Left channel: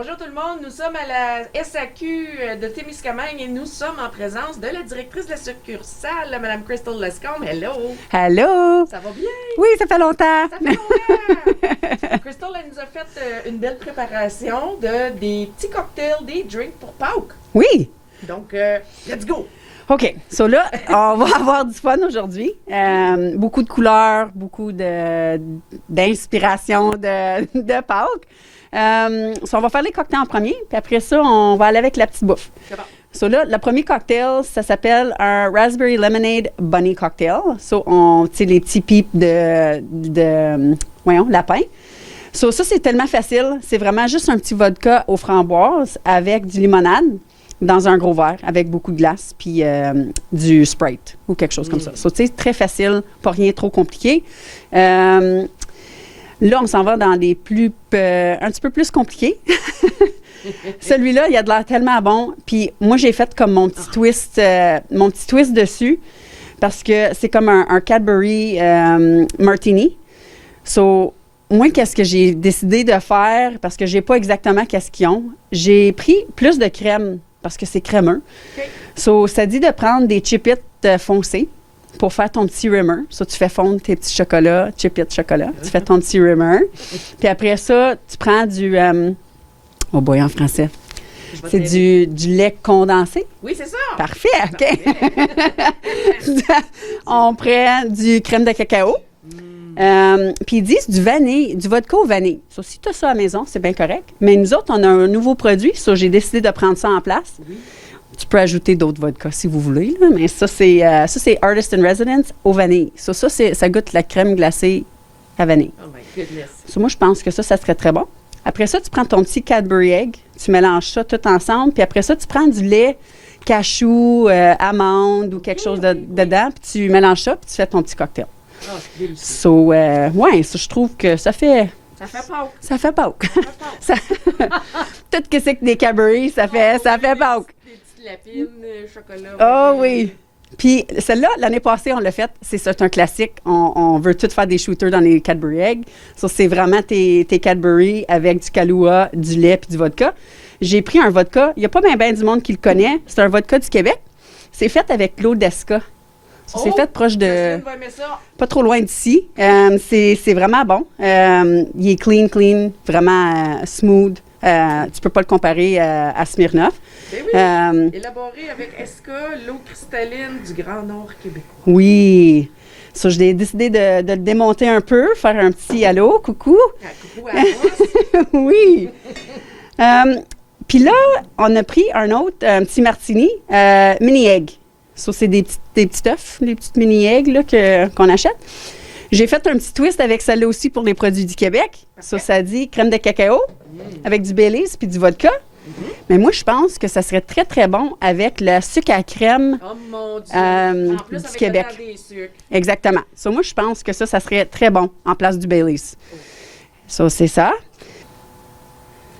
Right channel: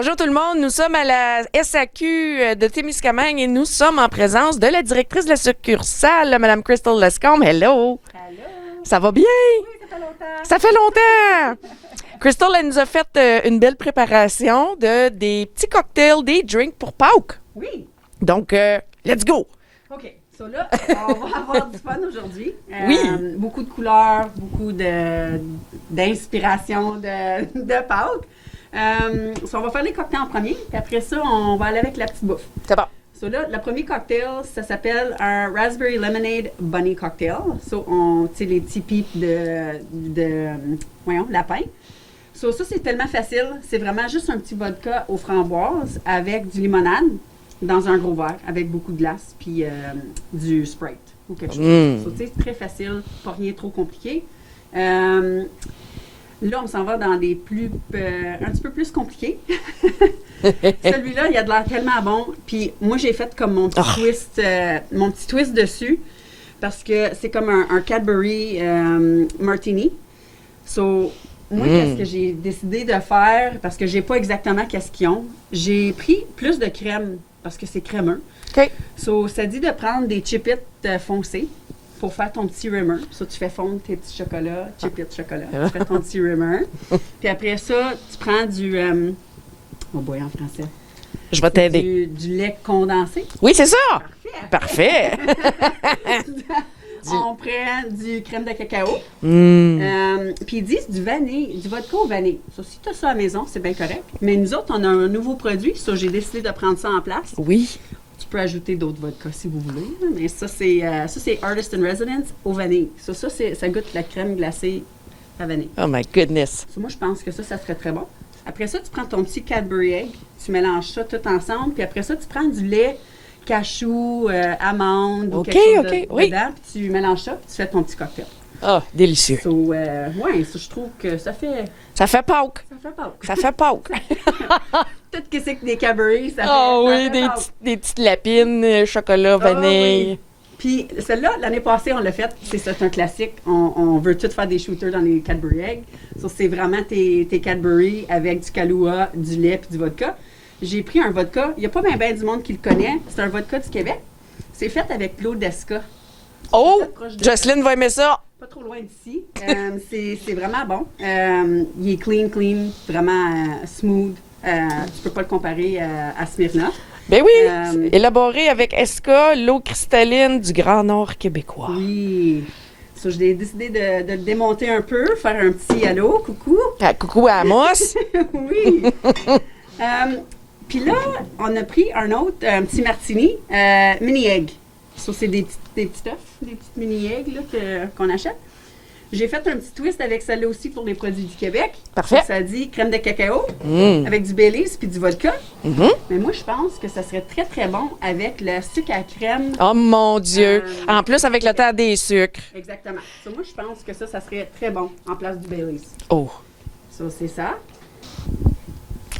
Bonjour tout le monde, nous sommes à la SAQ de Témiscamingue et nous sommes en présence de la directrice de la succursale, Mme Crystal Lescombe. Hello! Allô? Ça va bien? Oui, ça fait longtemps. Ça fait longtemps! Crystal, elle nous a fait une belle préparation des petits cocktails, des drinks pour Pâques. Oui. Donc, let's go! OK. So là, on va avoir du fun aujourd'hui. Beaucoup de couleurs, beaucoup d'inspiration de Pâques. On va faire les cocktails en premier, puis après ça, on va aller avec la petite bouffe. C'est bon. So là, le premier cocktail, ça s'appelle un Raspberry Lemonade Bunny Cocktail. So, tu sais, les petits pipes voyons, lapin. So, ça, c'est tellement facile. C'est vraiment juste un petit vodka aux framboises avec du limonade dans un gros verre avec beaucoup de glace puis du Sprite ou quelque chose comme ça. So, tu sais, très facile, pas rien trop compliqué. Là, on s'en va dans des un petit peu plus compliqués. Celui-là, il a de l'air tellement bon. Puis moi, j'ai fait comme mon petit twist dessus parce que c'est comme un Cadbury Martini. So, moi, qu'est-ce que j'ai décidé de faire, parce que j'ai pas exactement qu'est-ce qu'ils ont, j'ai pris plus de crème parce que c'est crémeux. OK. So, ça dit de prendre des chipettes foncées pour faire ton petit rimmer. Ça, tu fais fondre tes petits chocolats, chipettes chocolat. Tu fais ton petit rimmer. Puis après ça, tu prends du... oh boy, en français. Je vais C'est t'aider. du lait condensé. Oui, c'est ça! Parfait. OK. Parfait! On prend du crème de cacao. Puis ils disent du vanille, du vodka au vanille. So, si tu as ça à la maison, c'est bien correct. Mais nous autres, on a un nouveau produit. So, j'ai décidé de prendre ça en place. Oui. Tu peux ajouter d'autres vodkas si vous voulez, là, mais ça, c'est Artist in Residence au vanille. So, ça goûte la crème glacée à vanille. Oh my goodness! So, moi, je pense que ça serait très bon. Après ça, tu prends ton petit Cadbury Egg, tu mélanges ça tout ensemble, puis après ça, tu prends du lait cachou, amande ou quelque chose dedans, puis tu mélanges ça, puis tu fais ton petit cocktail. Oh, délicieux! So, ouais, ça, je trouve que ça fait... Ça fait Pâques! Ça fait Pâques. Ça fait Pâques! Tout ce que c'est que des Cadbury, ça fait Pâques. Des petites lapines, chocolat, vanille. Oui. Puis celle-là, l'année passée, on l'a faite. C'est un classique. On veut tout faire des shooters dans les Cadbury Eggs. Ça, c'est vraiment tes Cadbury avec du Kahlua, du lait puis du vodka. J'ai pris un vodka. Il n'y a pas bien du monde qui le connaît. C'est un vodka du Québec. C'est fait avec l'eau d'Esca. C'est fait proche de... Jocelyne va aimer ça! Pas trop loin d'ici. C'est vraiment bon. Il est clean, vraiment smooth. Tu peux pas le comparer à Smirnoff. Ben oui! Élaboré avec Esca, l'eau cristalline du Grand Nord québécois. Oui. Ça, j'ai décidé de le démonter un peu, faire un petit allô, coucou. Ah, coucou à Amos! Oui. Puis là, on a pris un petit martini, mini-egg. Ça, c'est des petits œufs, des petites mini-eggs là, qu'on achète. J'ai fait un petit twist avec celle-là aussi pour les produits du Québec. Parfait. Ça dit crème de cacao avec du Baileys puis du vodka. Mais moi, je pense que ça serait très, très bon avec le sucre à crème. Oh mon Dieu! En plus, du avec Québec. le temps des sucres. Exactement. So, moi, je pense que ça serait très bon en place du Baileys. Oh! So, c'est ça.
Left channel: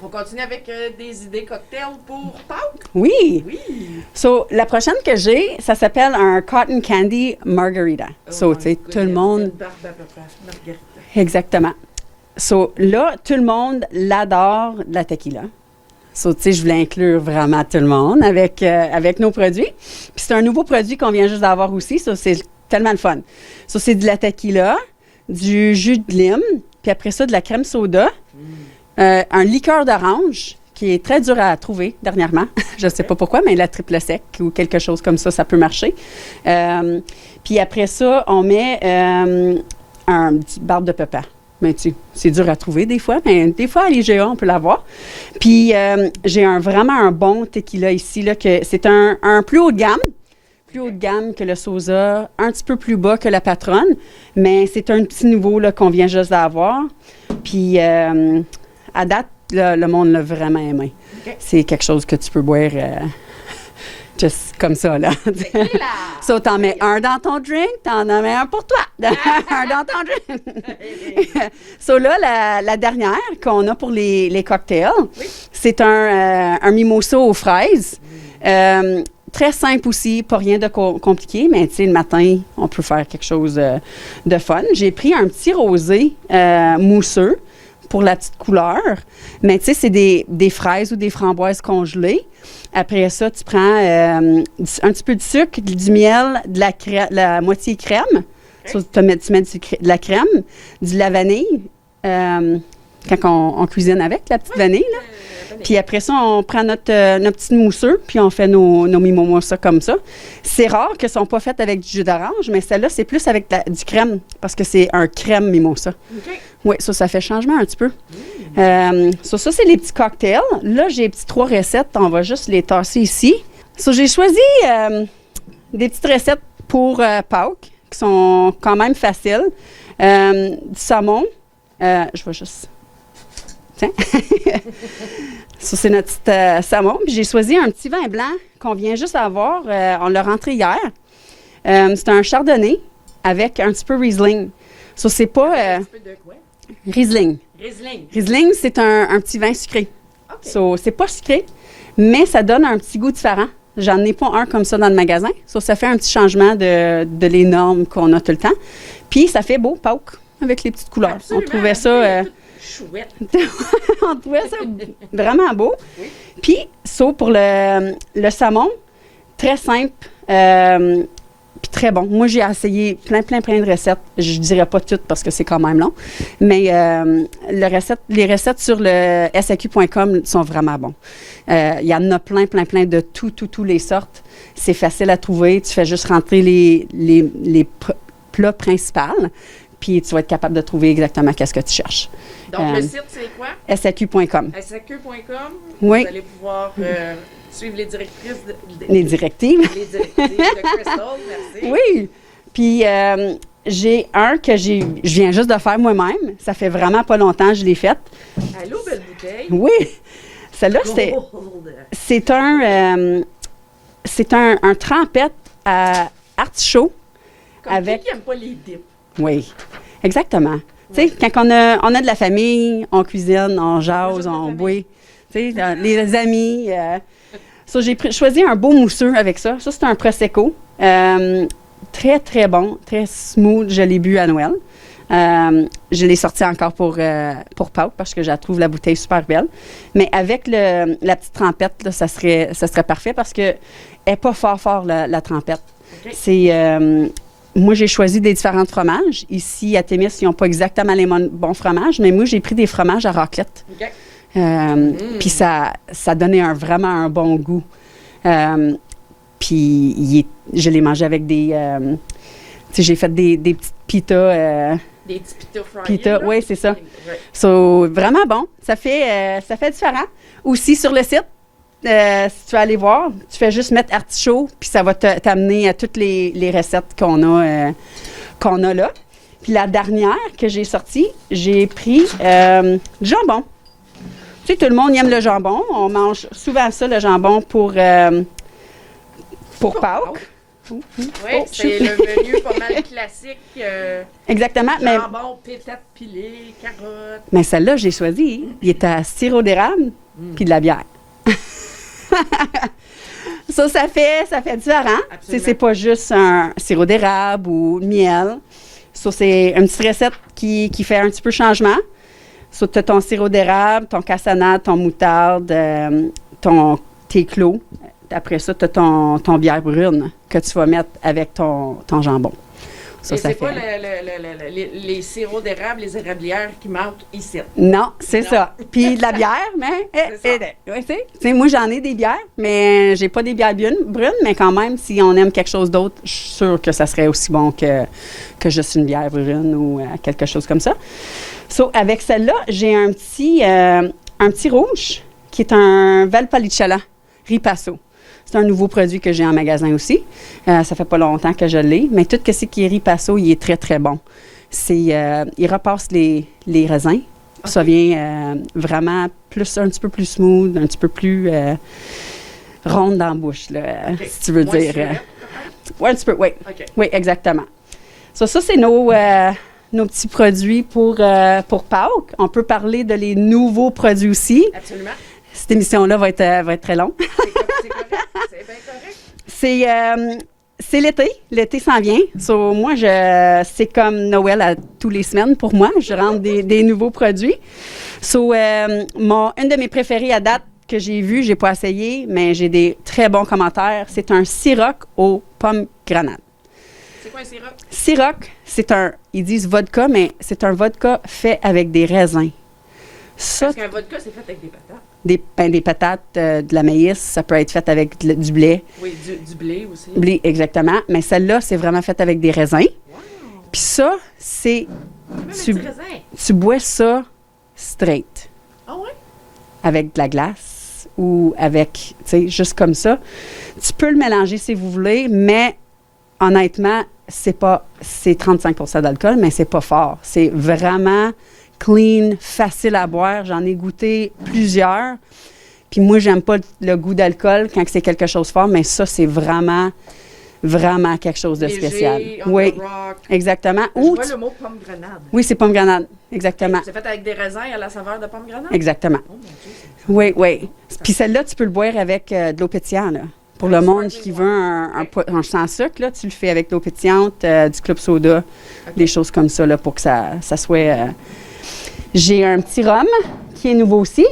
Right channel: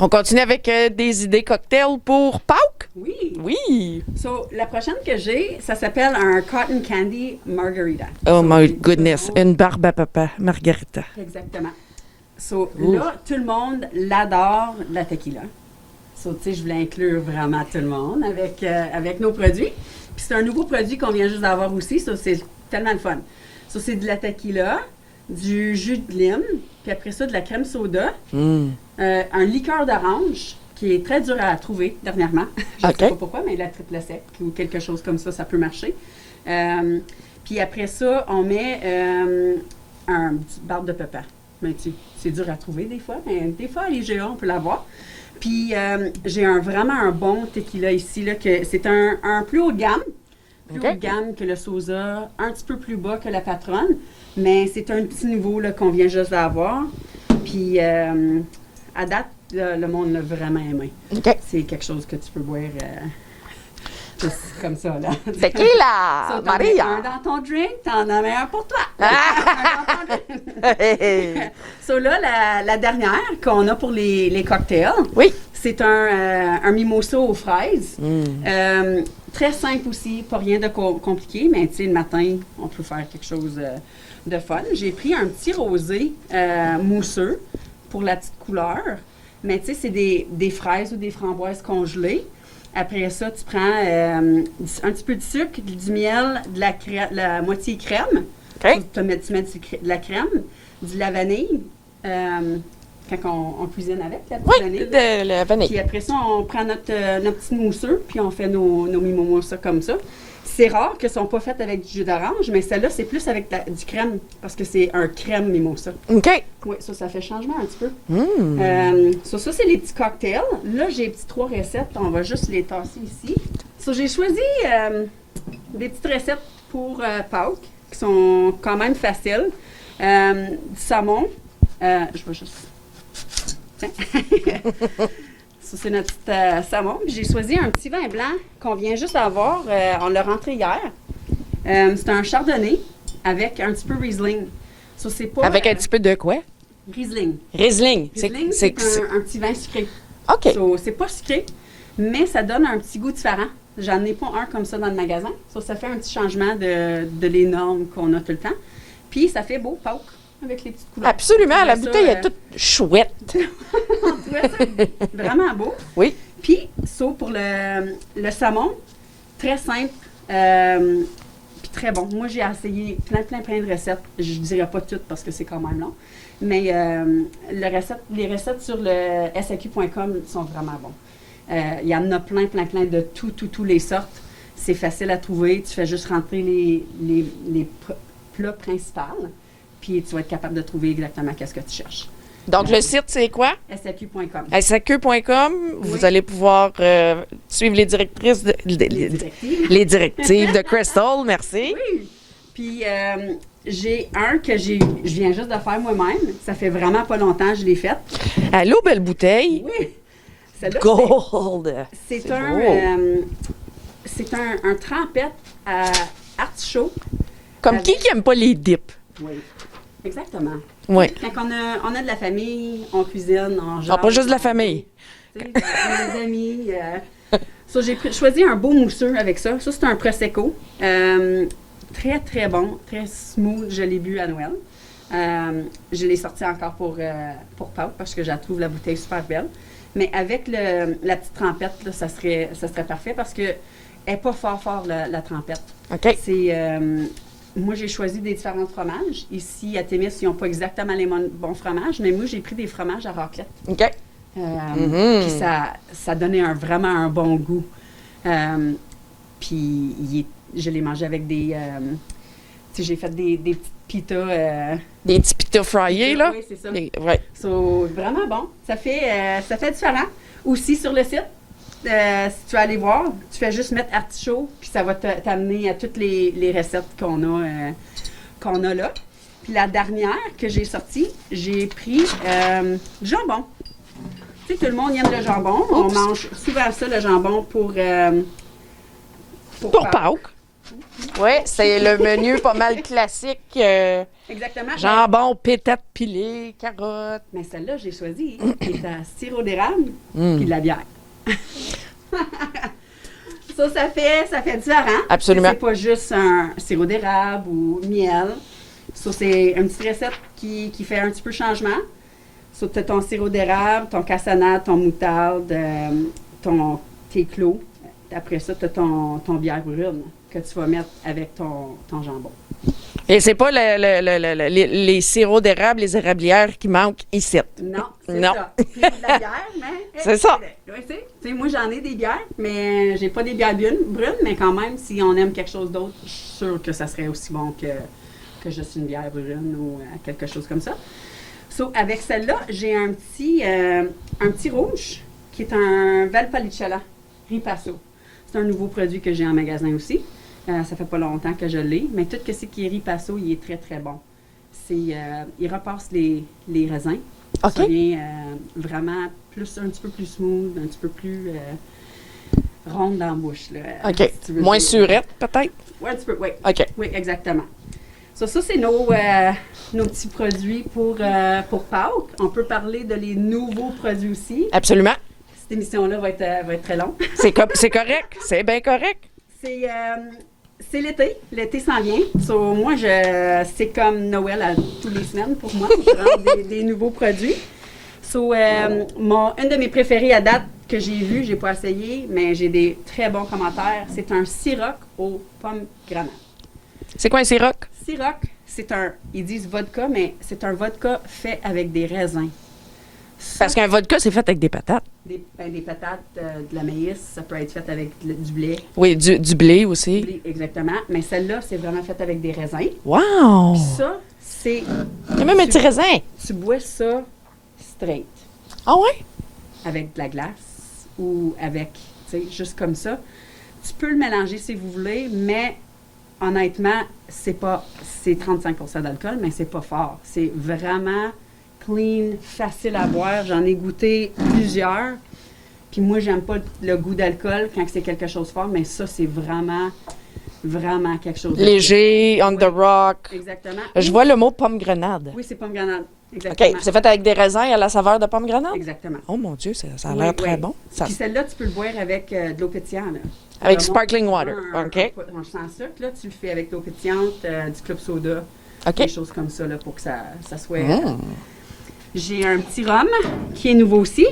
On continue avec des idées cocktails pour Pâques? Oui. Oui! So, la prochaine que j'ai, ça s'appelle un Cotton Candy Margarita. Oh So, my tu sais, tout le goodness! monde- Une barbe à papa, Margarita. Exactement. So, là, tout le monde l'adore, la tequila. So, tu sais, je voulais inclure vraiment tout le monde avec nos produits. Puis c'est un nouveau produit qu'on vient juste d'avoir aussi. So, c'est tellement le fun. So, c'est de la tequila, du jus de lime, puis après ça, de la crème soda, un liqueur d'orange qui est très dur à trouver dernièrement. Je ne sais pas pourquoi, mais la triple sec ou quelque chose comme ça peut marcher. Puis après ça, on met un petit barbe de papa. Mais c'est dur à trouver des fois, mais des fois, à l'IGA, on peut l'avoir. Puis j'ai vraiment un bon tequila ici, là, que c'est un plus haut de gamme. Plus haut de gamme que le Sosa, un petit peu plus bas que la Patronne, mais c'est un petit nouveau là, qu'on vient juste d'avoir. Puis à date, le monde l'a vraiment aimé. OK. C'est quelque chose que tu peux boire juste comme ça, là. Tequila! So, t'en mets un dans ton drink, t'en mets un pour toi. Un dans ton drink. So, là, la dernière qu'on a pour les cocktails, Oui. c'est un mimosa aux fraises. Très simple aussi, pas rien de compliqué, mais tu sais, le matin, on peut faire quelque chose de fun. J'ai pris un petit rosé mousseux pour la petite couleur. Mais tu sais, c'est des fraises ou des framboises congelées. Après ça, tu prends un petit peu de sucre, du miel, de la moitié crème. OK. Ça, tu mets de la crème, de la vanille. Quand on cuisine avec la petite vanille. De la vanille. Puis après ça, on prend notre petite mousseux, puis on fait nos mimosas comme ça. C'est rare qu'elles ne sont pas faites avec du jus d'orange, mais celle-là, c'est plus avec du crème, parce que c'est un crème mimosa. OK. Oui, ça fait changement un petit peu. Ça, c'est les petits cocktails. Là, j'ai 3 recettes. On va juste les tasser ici. J'ai choisi des petites recettes pour Pâques, qui sont quand même faciles. Du saumon. Je vais juste... Tiens. Ça, c'est notre petit saumon. Puis j'ai choisi un petit vin blanc qu'on vient juste d'avoir. On l'a rentré hier. C'est un chardonnay avec un petit peu Riesling. Ça, c'est pas... Avec un petit peu de quoi? Riesling. Riesling. Riesling, c'est un petit vin sucré. OK. C'est pas sucré, mais ça donne un petit goût différent. J'en ai pas un comme ça dans le magasin. Ça fait un petit changement de les normes qu'on a tout le temps. Puis ça fait beau, Pâques, avec les petites couleurs. Absolument. La bouteille est toute chouette. On trouvait ça vraiment beau. Oui. Puis, pour le saumon, très simple, puis très bon. Moi, j'ai essayé plein de recettes. Je ne dirais pas toutes parce que c'est quand même long, mais les recettes sur le SAQ.com sont vraiment bons. Il y en a plein de tous les sortes. C'est facile à trouver. Tu fais juste rentrer les plats principaux. Puis tu vas être capable de trouver exactement qu'est-ce que tu cherches. Donc, le site, c'est quoi? SAQ.com. SAQ.com. Oui. Vous allez pouvoir suivre les directrices... Les directives. Les directives de Crystal, merci. Oui. Puis, j'ai un que je viens juste de faire moi-même. Ça fait vraiment pas longtemps que je l'ai fait. Allô, belle bouteille. Oui. Celle-là, c'est un trempette à artichaut. Comme qui aime pas les dips? Oui, exactement. Oui. Quand on a de la famille, on cuisine, on jase. Pas juste de la famille. Oui. Les amis. J'ai choisi un beau mousseux avec ça. Ça, c'est un Prosecco. Très bon, très smooth. Je l'ai bu à Noël. Je l'ai sorti encore pour Pâques parce que je trouve la bouteille super belle. Mais avec la petite trempette, là, ça serait parfait parce qu'elle n'est pas fort, la trempette. OK. Moi, j'ai choisi des différents fromages. Ici, à Témis, ils n'ont pas exactement les bons fromages, mais moi, j'ai pris des fromages à raclette. OK. Puis ça donnait vraiment un bon goût. Puis je l'ai mangé avec des... j'ai fait des petites pitas. Des petits pitas fryés, là? Oui, c'est ça. Ouais. Vraiment bon. Ça fait différent. Aussi, sur le site, si tu vas aller voir, tu fais juste mettre artichaut, puis ça va t'amener à toutes les recettes qu'on a là. Puis la dernière que j'ai sortie, j'ai pris du jambon. Tu sais, tout le monde aime le jambon. On mange souvent ça, le jambon, pour Pâques. Oui, c'est le menu pas mal classique. Exactement. Jambon, pétate pilée, carottes. Mais celle-là, j'ai choisi. Il est à sirop d'érable puis de la bière. Ça fait différent. Absolument. C'est pas juste un sirop d'érable ou miel. Ça, c'est une petite recette qui fait un petit peu changement. Ça, tu as ton sirop d'érable, ton cassonade, ton moutarde, tes clos. Après ça, tu as ton bière brune que tu vas mettre avec ton jambon. Ça, et c'est pas les sirops d'érable, les érablières qui manquent ici. Non, c'est ça. Puis de la bière, mais... c'est ça. Moi, j'en ai des bières, mais j'ai pas des bières brunes, mais quand même, si on aime quelque chose d'autre, je suis sûre que ça serait aussi bon que juste une bière brune ou quelque chose comme ça. Avec celle-là, j'ai un petit rouge qui est un Valpolicella Ripasso. C'est un nouveau produit que j'ai en magasin aussi. Ça fait pas longtemps que je l'ai, mais tout ce qui est Ripasso, il est très, très bon. Il repasse les raisins. Okay. Ça vient vraiment un petit peu plus smooth, un petit peu plus ronde dans la bouche, là, okay. Si tu veux moins dire. surette, peut-être? Oui, un petit peu, oui. OK. Oui, exactement. Ça, c'est nos petits produits pour Pâques. On peut parler de les nouveaux produits aussi. Absolument. Cette émission-là va être très longue. C'est correct. C'est bien correct. C'est l'été. L'été s'en vient. Moi, c'est comme Noël à tous les semaines pour moi. Je rentre des nouveaux produits. So, une de mes préférées à date que j'ai vu, j'ai pas essayé, mais j'ai des très bons commentaires. C'est un Ciroc aux pommes grenades. C'est quoi un Ciroc? Ciroc, ils disent vodka, mais c'est un vodka fait avec des raisins. Ça, Parce qu'un vodka, c'est fait avec des patates. des patates, de la maïs, ça peut être fait avec du blé. Oui, du blé aussi. Blé, exactement. Mais celle-là, c'est vraiment fait avec des raisins. Wow! Puis ça, c'est... Il y a même un tu- petit raisin. Tu bois ça straight, Ah ouais? avec de la glace ou avec, tu sais, juste comme ça. Tu peux le mélanger si vous voulez, mais honnêtement, c'est 35 d'alcool, mais c'est pas fort. C'est vraiment clean, facile à boire. J'en ai goûté plusieurs. Puis moi, j'aime pas le goût d'alcool quand c'est quelque chose de fort, mais ça, c'est vraiment, vraiment quelque chose de Léger, spécial. on Oui, the rock. exactement. Je Ou vois tu- le mot pomme grenade. Oui, c'est pomme grenade. OK. Exactement. C'est fait avec des raisins à la saveur de pomme grenade? Exactement. Oh mon Dieu, ça a Oui, l'air très oui. bon. Ça- Puis celle-là, tu peux le boire avec de l'eau pétillante. Là. Pour Avec le monde sparkling qui water. veut OK. un sans sucre, là, tu le fais avec de l'eau pétillante, du club soda, OK. des choses comme ça là, pour que ça soit... J'ai un petit rhum qui est nouveau aussi.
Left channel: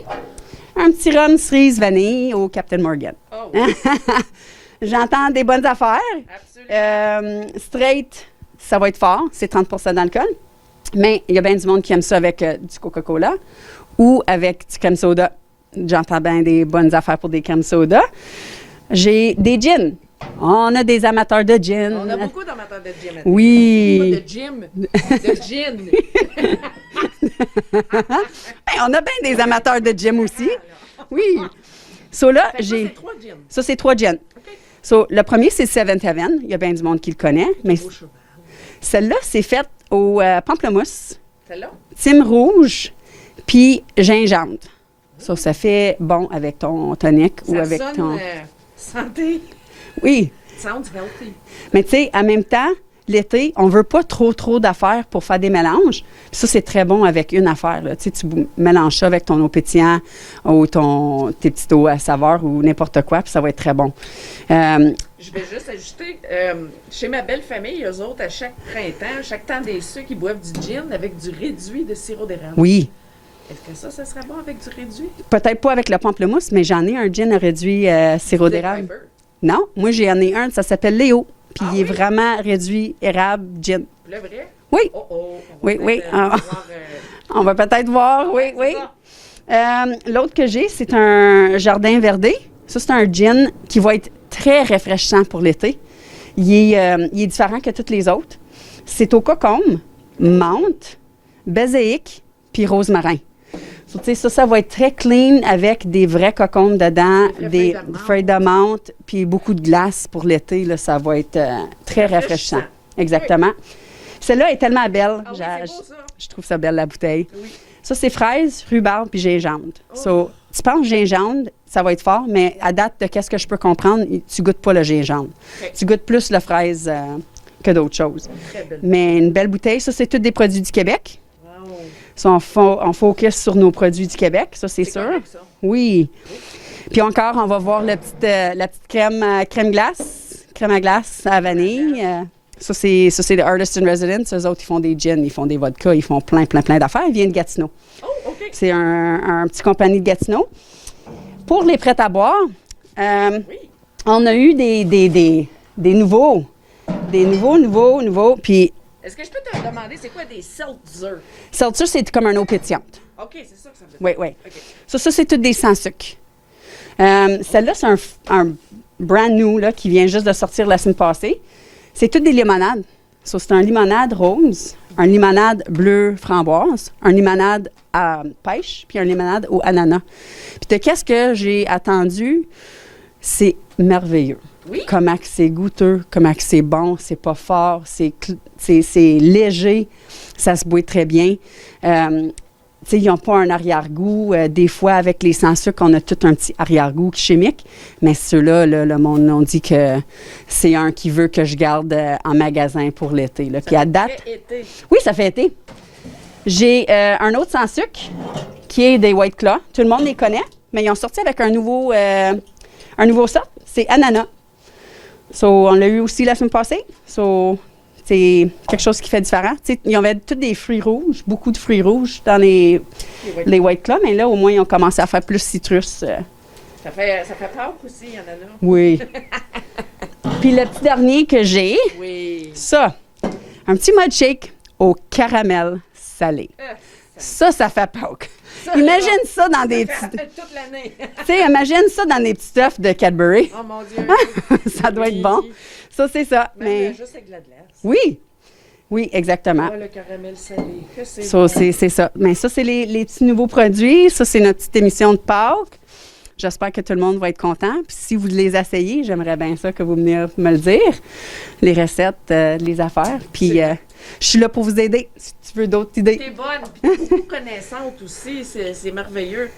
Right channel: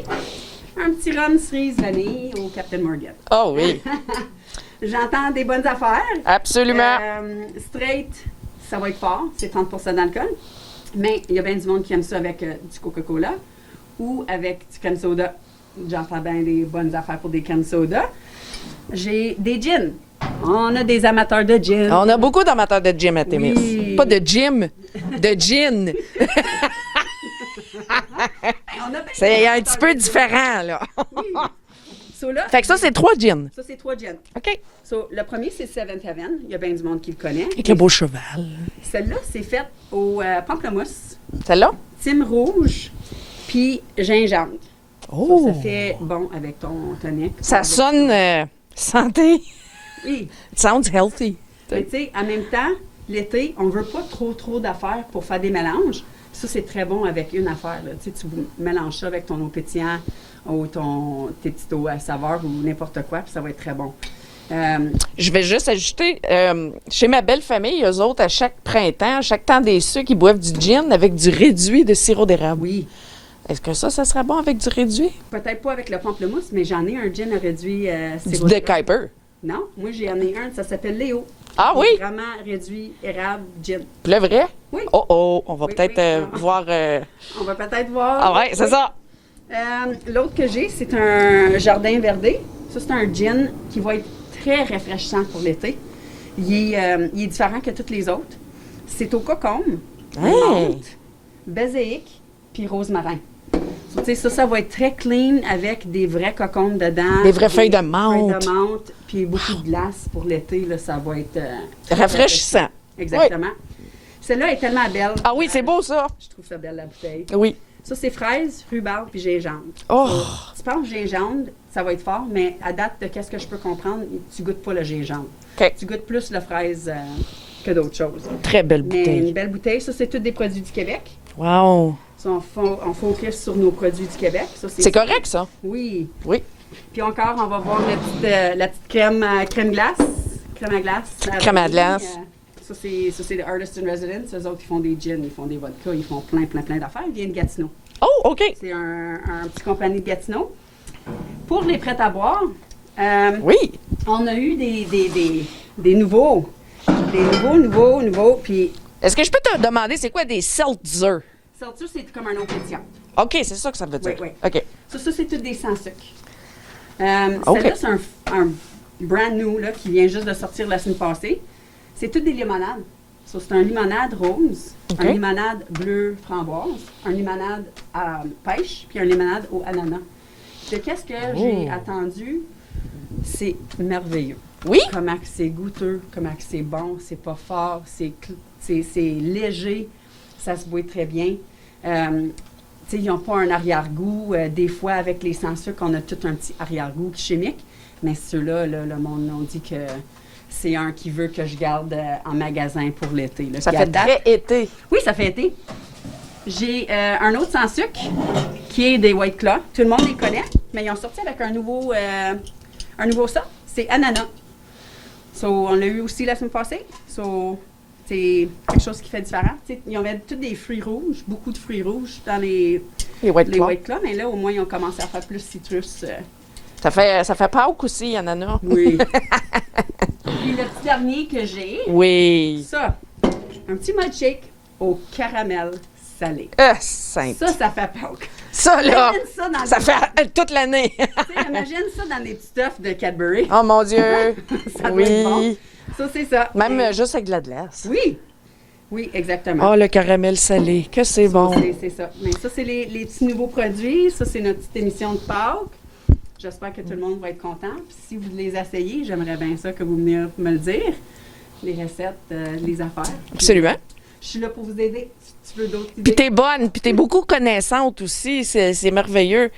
Un petit rhum cerise vanille au Captain Morgan. Oh oui, J'entends des bonnes affaires. absolument. Straight, ça va être fort. C'est 30 d'alcool. Mais il y a bien du monde qui aime ça avec du Coca-Cola ou avec du crème soda. J'entends bien des bonnes affaires pour des crèmes soda. J'ai des gins. On a des amateurs de gin. On a beaucoup d'amateurs de gin à Témis. Oui. Pas de gym, de gin. On a bien C'est des un amateurs petit peu de gin différent, aussi. là. Oui. So, là, Fait que ça, j'ai- c'est 3 gins. Ça, c'est 3 gins. OK. So, le premier, c'est Seventh Heaven. Il y a bien du monde qui le connaît. Avec le beau cheval. Celle-là, c'est faite au pamplemousse, Celle-là? thym rouge, puis gingembre. Oh. Ça fait bon avec ton tonic. ou Ça avec sonne ton- santé. Oui, It sounds healthy. mais tu sais, en même temps, l'été, on veut pas trop d'affaires pour faire des mélanges. Puis ça, c'est très bon avec une affaire. Là. Tu sais, tu mélanges ça avec ton eau pétillant ou tes petites eaux à saveur ou n'importe quoi, puis ça va être très bon. Je vais juste ajouter, chez ma belle famille, eux autres, à chaque printemps, à chaque temps des sucres, ils boivent du gin avec du réduit de sirop d'érable. Oui, Est-ce que ça serait bon avec du réduit? peut-être pas avec le pamplemousse, mais j'en ai un gin réduit sirop Du d'érable. Kuiper. Non, moi, j'en ai un, ça s'appelle Léo. Puis Ah il oui? est vraiment réduit érable gin. Puis le vrai? Oui. Oh, on va Oui, peut-être oui. Ah. voir... On va peut-être voir. Ah ouais, oui, c'est oui. ça. L'autre que j'ai, c'est un jardin verdé. Ça, c'est un gin qui va être très rafraîchissant pour l'été. Il est différent que tous les autres. C'est au cocombe, menthe, baséique, puis rosemarin. So, tu sais, ça va être très clean avec des vrais cocombes dedans. Des vraies feuilles de menthe. Feuilles de menthe, puis beaucoup de glace pour l'été. Là, ça va être très Rafraîchissant. rafraîchissant. Exactement. Celle-là est tellement belle. Ah oui, c'est beau, ça. Je trouve ça belle, la bouteille. Oui. Ça, c'est fraise, rhubarbe puis gingembre. Oh! So, tu penses gingembre, ça va être fort, mais à date de qu'est-ce que je peux comprendre, tu goûtes pas le gingembre. OK. Tu goûtes plus la fraise que d'autres choses. Très belle Mais bouteille. une belle bouteille, ça, c'est tous des produits du Québec. Wow. Ça, on focus sur nos produits du Québec. Ça, C'est sûr. correct, ça? Oui. Oui. Puis encore, on va voir la petite crème glace. Crème à glace. à Crème à vanille. glace. Ça, c'est le Artist in Residence. Eux autres, ils font des gins, ils font des vodkas, ils font plein d'affaires. Ils viennent de Gatineau. Oh, OK. C'est un petit compagnie de Gatineau. Pour les prêts à boire, Oui. on a eu des nouveaux. Des nouveaux. Puis, Est-ce que je peux te demander, c'est quoi des seltzer? seltzer, c'est comme un eau pétillante. OK, c'est ça que ça veut dire. Oui. OK. Ça, c'est tout des sans sucre. Celle-là, c'est un brand new là, qui vient juste de sortir la semaine passée. C'est toutes des limonades. So, c'est un limonade rose, OK. un limonade bleu framboise, un limonade à pêche, puis un limonade au ananas. Puis de qu'est-ce que j'ai attendu, c'est merveilleux. Oui? Comment que c'est goûteux, comment que c'est bon, c'est pas fort, c'est léger, ça se boit très bien. Tu sais, ils n'ont pas un arrière-goût. Des fois, avec les sans-sucre, on a tout un petit arrière-goût chimique. Mais ceux-là, le monde, on dit que c'est un qui veut que je garde en magasin pour l'été. Là. Ça Puis à fait date- très été. Oui, ça fait été. J'ai un autre sans-sucre qui est des White Claw. Tout le monde les connaît, mais ils ont sorti avec un nouveau sort. C'est ananas. So, on l'a eu aussi la semaine passée. So, c'est quelque chose qui fait différent. Tu sais, ils avaient tous des fruits rouges, beaucoup de fruits rouges dans les White Claw, mais là, au moins, ils ont commencé à faire plus citrus. Ça fait Pâques aussi, il y en a. Oui. Puis le petit dernier que j'ai, Oui. ça, un petit mud shake au caramel salé. Ça fait Pâques. Imagine ça dans ça des fait toute l'année. Tu sais, imagine ça dans des petits stuffs de Cadbury. Oh mon Dieu! Ça doit être bon. Ça, c'est ça. Même juste avec de la glace. Oui. Oui, exactement. Oh, le caramel salé. Que c'est Ça, bon. c'est ça. Mais ça, c'est les petits nouveaux produits. Ça, c'est notre petite émission de Pâques. J'espère que tout le monde va être content. Puis si vous les essayez, j'aimerais bien ça que vous veniez me le dire. Les recettes, les affaires. Puis je suis là pour vous aider si tu veux d'autres idées. Puis t'es bonne, puis t'es beaucoup connaissante aussi. C'est merveilleux.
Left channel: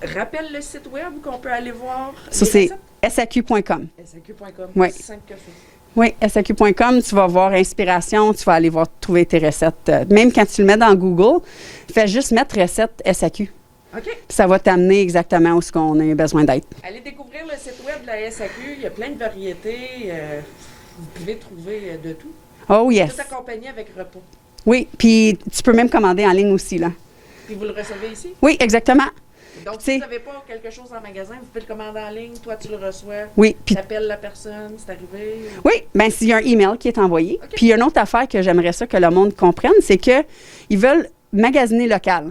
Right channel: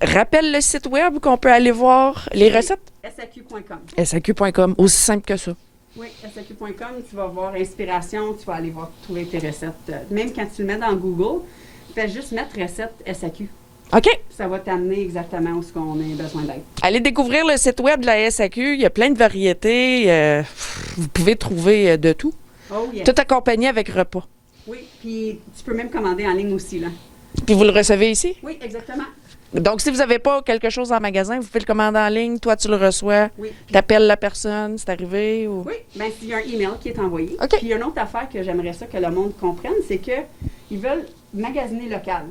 Rappelle le site web qu'on peut aller voir les recettes. SAQ.com. SAQ.com. Oui. Aussi simple que ça. Oui, SAQ.com, tu vas voir inspiration, tu vas aller voir trouver tes recettes. Même quand tu le mets dans Google, fais juste mettre recette SAQ. OK. Ça va t'amener exactement où ce qu'on a besoin d'être. Allez découvrir le site web de la SAQ. Il y a plein de variétés. Vous pouvez trouver de tout. Oh yes. Tout accompagné avec repas. Oui, puis tu peux même commander en ligne aussi, là. Puis vous le recevez ici? Oui, exactement. Donc, si vous n'avez pas quelque chose en magasin, vous pouvez le commander en ligne. Toi, tu le reçois. Oui. Puis t'appelles la personne, c'est arrivé? Ou... Oui, bien, s'il y a un email qui est envoyé. OK. Puis il y a une autre affaire que j'aimerais ça que le monde comprenne, c'est qu'ils veulent magasiner local.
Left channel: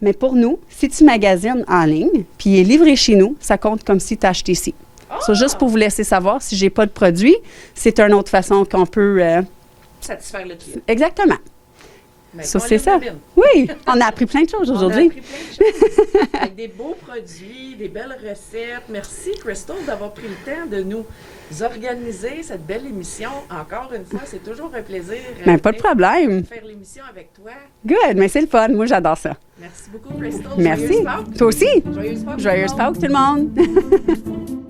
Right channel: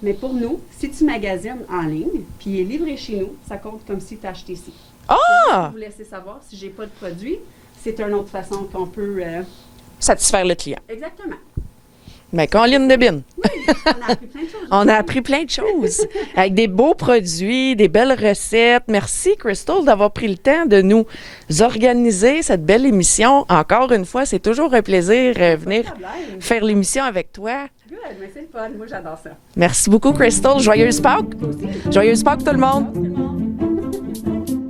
Mais pour nous, si tu magasines en ligne, puis il est livré chez nous, ça compte comme si tu as acheté ici. Ah! So, juste pour vous laisser savoir, si j'ai pas de produit, c'est une autre façon qu'on peut... Satisfaire le client. Exactement. Mais Ça, Colline c'est ça. de Bin. Oui, on a appris plein de choses aujourd'hui. On a appris plein de choses. Avec des beaux produits, des belles recettes. Merci, Crystal, d'avoir pris le temps de nous organiser cette belle émission. Encore une fois, c'est toujours un plaisir Ben, pas de venir problème. faire l'émission avec toi. Good, mais c'est le fun. Moi, j'adore ça. Merci beaucoup, Crystal. Joyeuse Merci. Pâques. Toi aussi. Joyeuse Pâques, tout le Joyeuse monde. Pâques, tout le monde.